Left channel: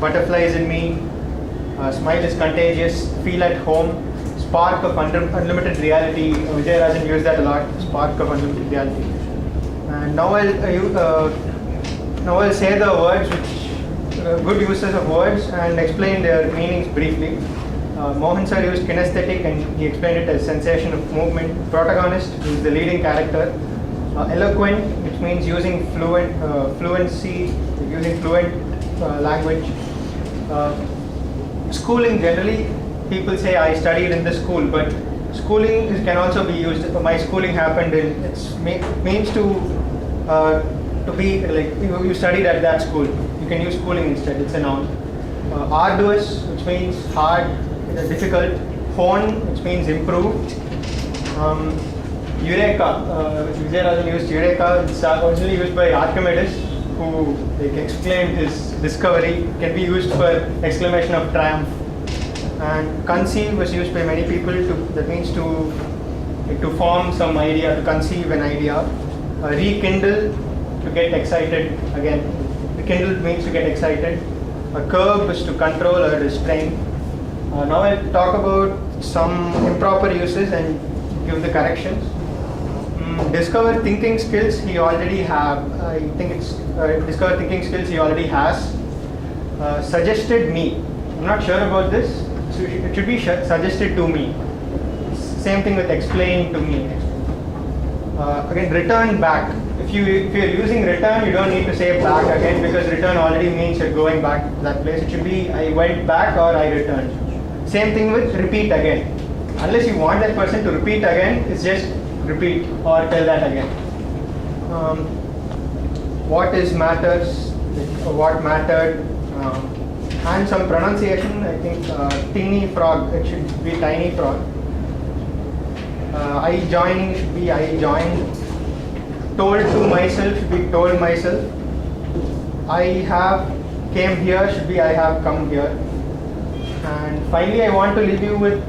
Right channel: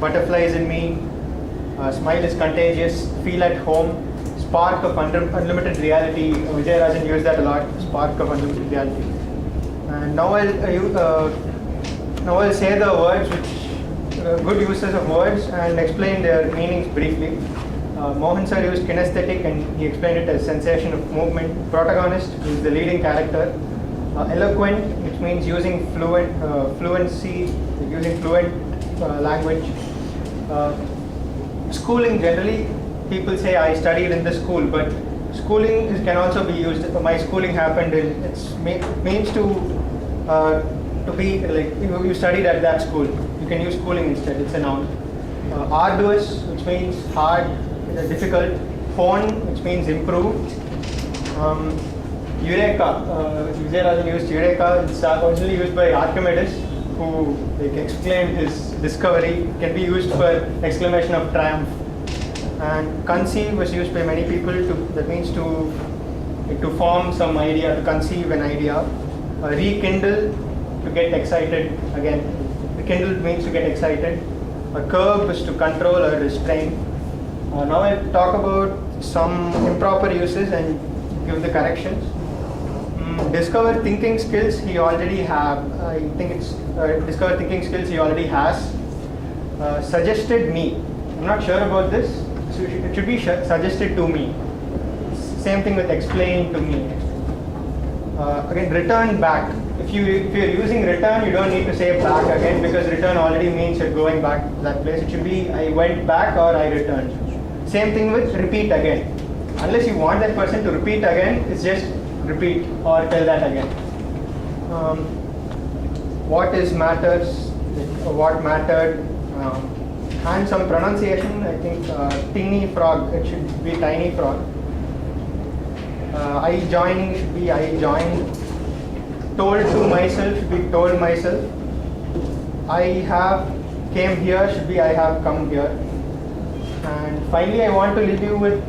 butterflies in me, smile is contagious, feel at home, spark of unlimited reality. Vijay Rajan used that a lot, spark of unlimited reality. And now I'll say the words, which good uses of words, and explain their meanings briefly. Mohan sir used kinesthetic and he explained it as sensation of movement. Protagonist is the leading character. Eloquent, which means using fluency, using fluent language. Schooling, generally people say I studied in this school, but schooling can also be used. My schooling happened in, it means to be like you studied at that school. You can use schooling instead, it's a noun. Arduous, which means hard, difficult. Hone, which means improved. Eureka, which Vijay Rajan used Eureka, it's originally used by Archimedes, who exclaimed his discovery. It can be used for exclamation of triumph. And conceive was used by many people that means to form some idea, to conceive an idea. Rekindle, to get excited again. Rekindle means to get excited. A curb is to control or restrain. Now I'll talk about some improper uses and give the corrections. Discover thinking skills he already have. I think it's discover thinking skills he already has. Suggested me. I'm not sure about this. So it should be suggested to me. Same thing with explain to me. Again, return back. If you're using return, you don't need to say back again, because return already means you're going back to that place. It should be I went back or I returned. Same thing with repeat again. Unless you want that person to repeat again, it's just repeat or tell that again. What is matters, what mattered, and some pronunciation. I think teeny frog, it should be tiny frog. I joining should be I joined. Told to myself should be told myself. I have came here should be I have come here. And finally, I want to leave you with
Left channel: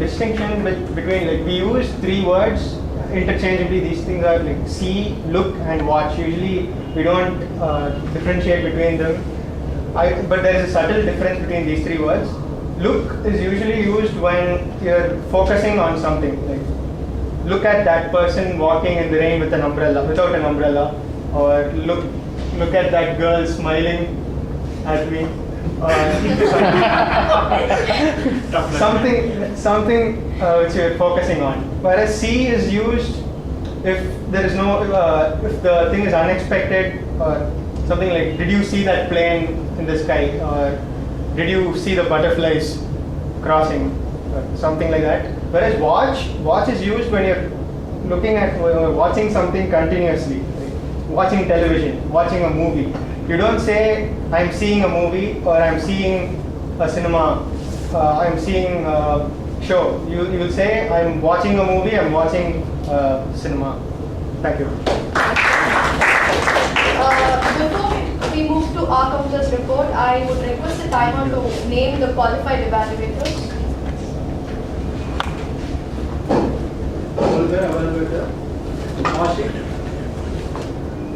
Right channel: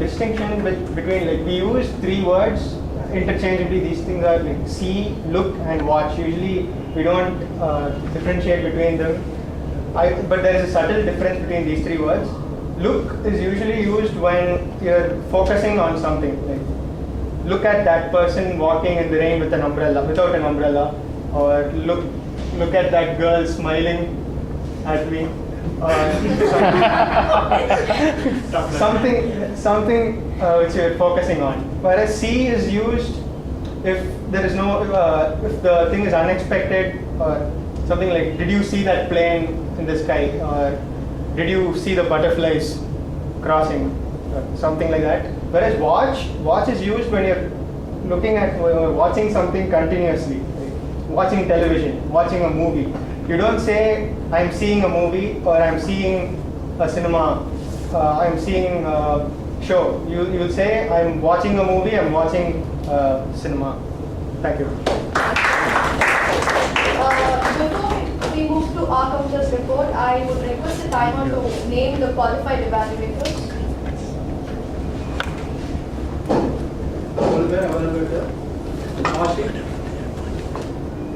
distinction between, like, we use three words interchangeably. These things are like see, look, and watch. Usually, we don't differentiate between them. But there is a subtle difference between these three words. Look is usually used when you're focusing on something. Like, look at that person walking in the rain with an umbrella, without an umbrella, or look at that girl smiling at me. Something which you're focusing on. Whereas see is used if there is no, if the thing is unexpected, or something like, did you see that plane in the sky, or did you see the butterflies crossing, something like that. Whereas watch is used when you're looking at, watching something continuously, like watching television, watching a movie. You don't say, I'm seeing a movie, or I'm seeing a cinema, I'm seeing a show. You will say, I'm watching a movie, I'm watching cinema. Thank you. Before we move to our counselor's report, I would request the timer to name the qualified evaluators.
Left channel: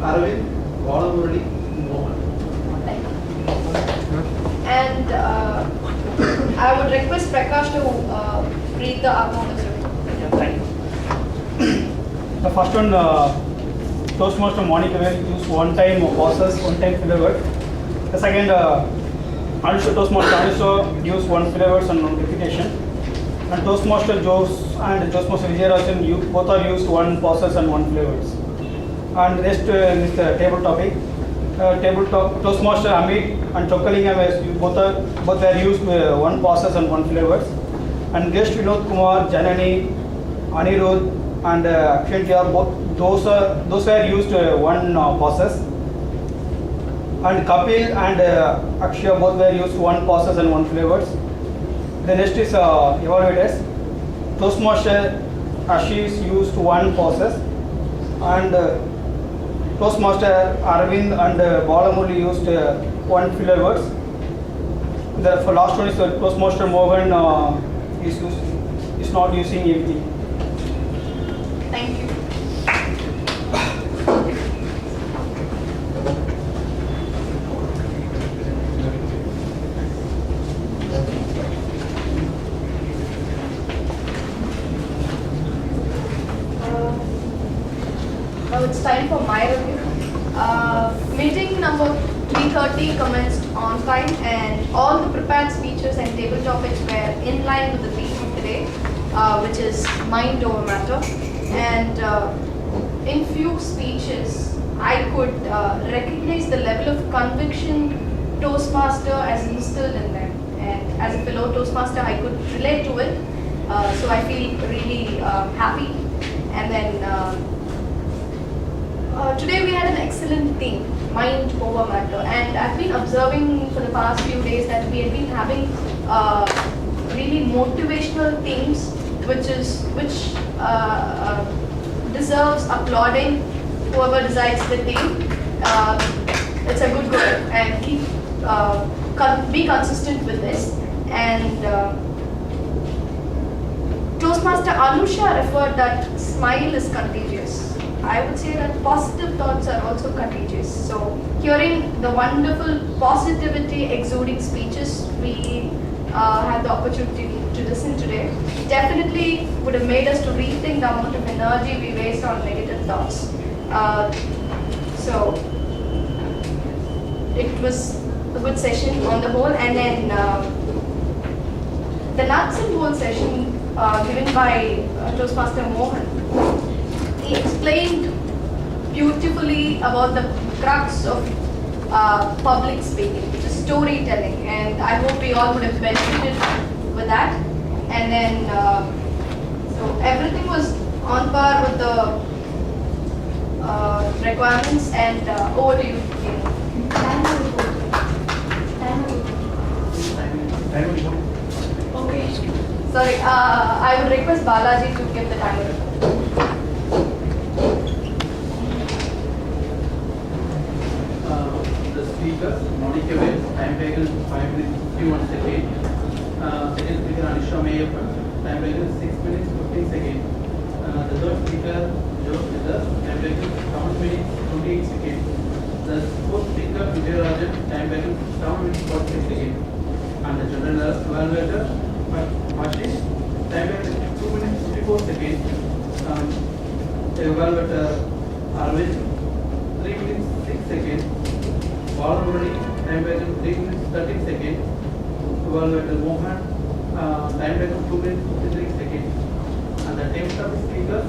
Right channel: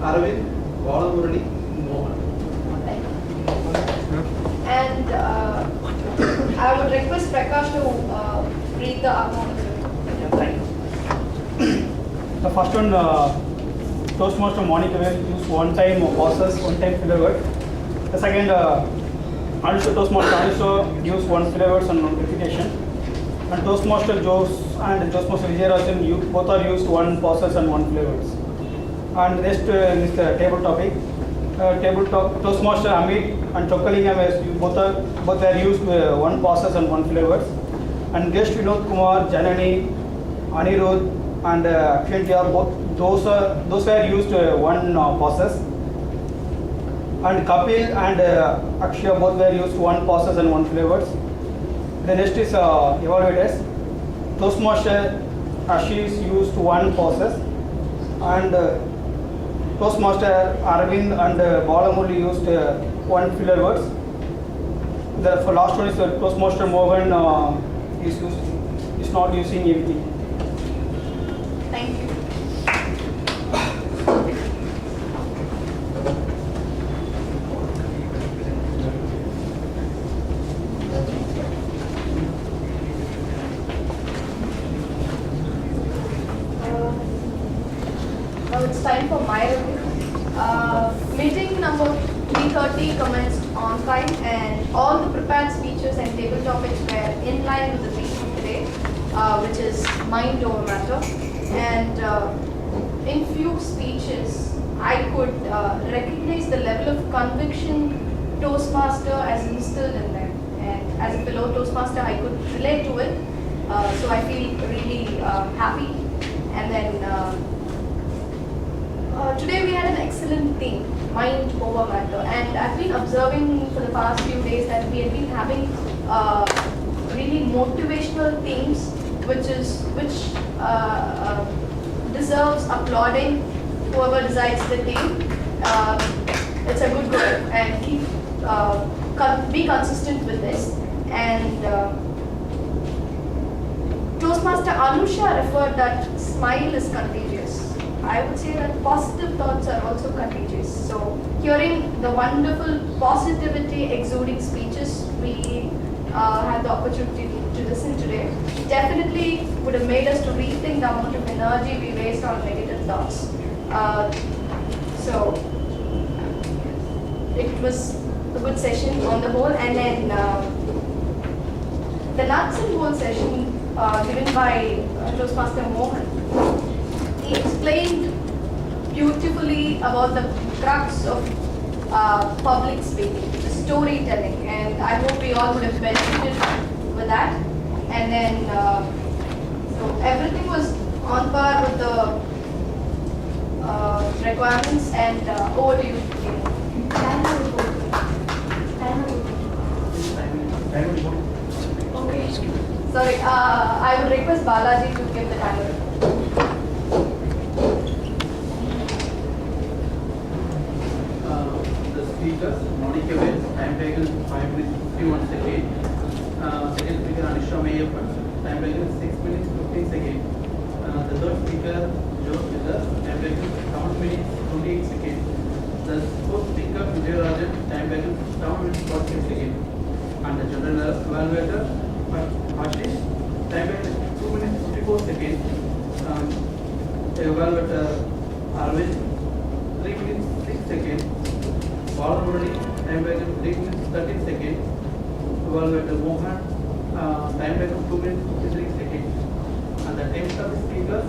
Arvind, Valamurali, Mohan. And I would request Prakash to read the counselor's report. Thank you. The first one, Toastmaster Monica will use one-time pauses, one-time filler word. The second, also Toastmaster also use one filler words and one repetition. And Toastmaster Jose and Toastmaster Vijay Rajan, both are used one pauses and one filler words. And rest is the table topic. Toastmaster Amit and Chokkalingam both are used one pauses and one filler words. And guest Vinod Kumar, Janani, Anirudh and Akshay are both those were used one pauses. And Kapil and Akshay both were used one pauses and one filler words. The next is evaluators. Toastmaster Ashish used one pauses, and Toastmaster Arvind and Balamurali used one filler words. The last one is Toastmaster Mohan is not using anything. Thank you. time for my review. Meeting number 330 commenced on time, and all the prepared speeches and table topics were in line with the theme of today, which is mind over matter. And in few speeches, I could recognize the level of conviction Toastmaster has instilled in them. And as a fellow Toastmaster, I could relate to it. So I feel really happy. And then today we had an excellent theme, mind over matter. And I've been observing for the past few days that we have been having really motivational themes, which deserves applauding whoever decides the theme. It's a good goal, and be consistent with this. And Toastmaster Anusha referred that smile is contagious. I would say that positive thoughts are also contagious. So hearing the wonderful positivity exuding speeches we had the opportunity to listen today definitely would have made us to rethink the amount of energy we waste on negative thoughts. So it was a good session on the whole. And then the nuts and bolts session given by Toastmaster Mohan, he explained beautifully about the crux of public speaking, the storytelling, and I hope we all would have benefited with that. And then so everything was on par with the requirements. And over to you, Tina. Okay. Sorry, I would request Balaji to give the timer. The speaker, Monica Wells, time taken 5 minutes 51 seconds. Second speaker, Anisha Mayappan, time taken 6 minutes 15 seconds. The third speaker, Joe Peter, time taken 7 minutes 28 seconds. The fourth speaker, Vijay Rajan, time taken 7 minutes 46 seconds. And the general evaluator, Ashish, time taken 2 minutes 54 seconds. The evaluator, Arvind, 3 minutes 6 seconds. Already, time taken 3 minutes 13 seconds. Evaluator Mohan, time taken 2 minutes 53 seconds. And the 10th of the speakers,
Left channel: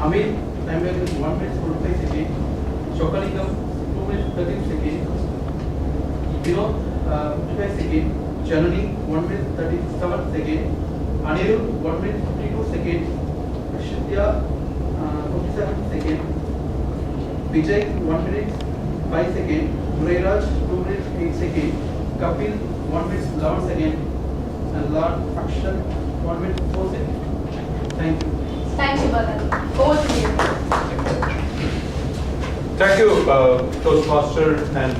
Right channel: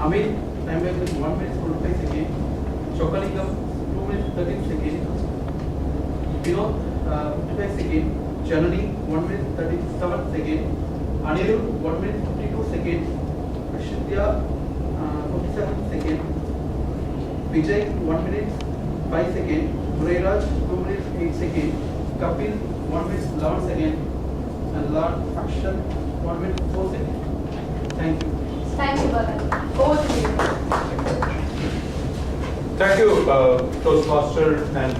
Amit, time taken 1 minute 45 seconds. Chokalingam, 2 minutes 13 seconds. Vinod, 55 seconds. Janani, 1 minute 37 seconds. Anirudh, 1 minute 52 seconds. Ashitya, 57 seconds. Vijay, 1 minute 5 seconds. Muraraj, 2 minutes 8 seconds. Kapil, 1 minute 11 seconds. And Lord Akshan, 1 minute 4 seconds. Thank you. Thank you, Balaji. Over to you. Thank you, Toastmaster and